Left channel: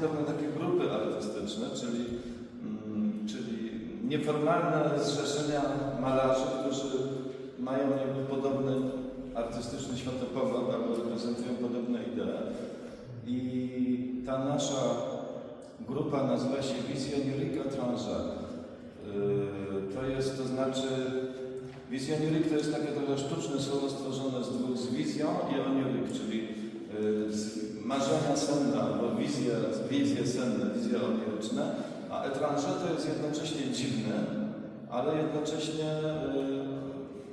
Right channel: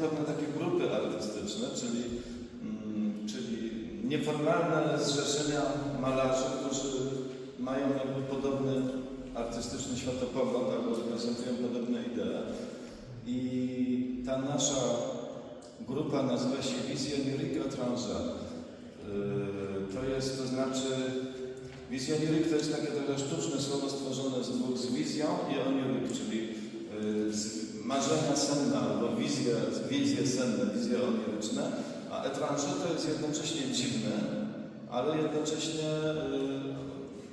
pewne takie grupy artystyczne, czyli, mm, czyli nieformalne zrzeszenia malarzy, którzy mają jakby podobny artystyczny światopogląd albo reprezentują podobne idee. I ta nasza grupa nazywa się Visionnierique étrangère. Yy, To jest, to znaczy, visionnierique to jest takie trochę sztuczne słowo stworzone z dwóch, z wizją i onirique, czyli z marzenia senne albo wizje, wizje senne, wizje oniryczne, a étranger to jest jednocześnie dziwny, ale jednocześnie yy,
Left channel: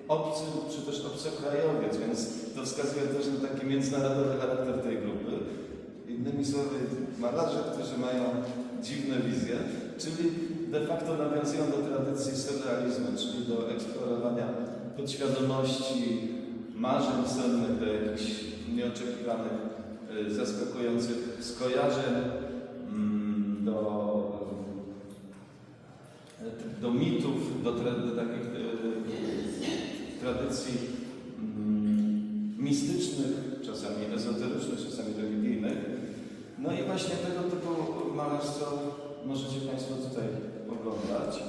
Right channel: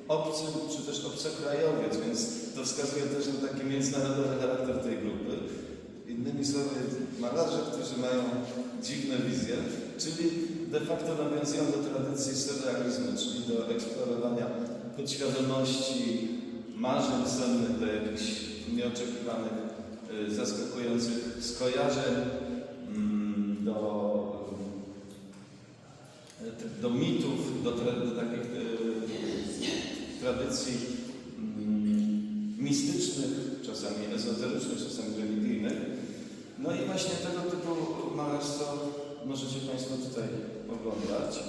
obcy czy też obcokrajowiec, więc to wskazuje też na taki międzynarodowy charakter tej grupy. Innymi słowy, malarze, którzy mają dziwne wizje, czyli de facto nawiązują do tradycji surrealizmu, czyli do eksplorowania podświadomości, marzeń sennych, do jakichś nieoczekiwanych, y, zaskakujących skojarzeń, mm, do, y, do mitów, do, tra- do takich y, tradycji mm, mistycznych, czasami ezoterycznych, czasami religijnych. No i właśnie tego typu malarstwo możecie Państwo tutaj oglądać.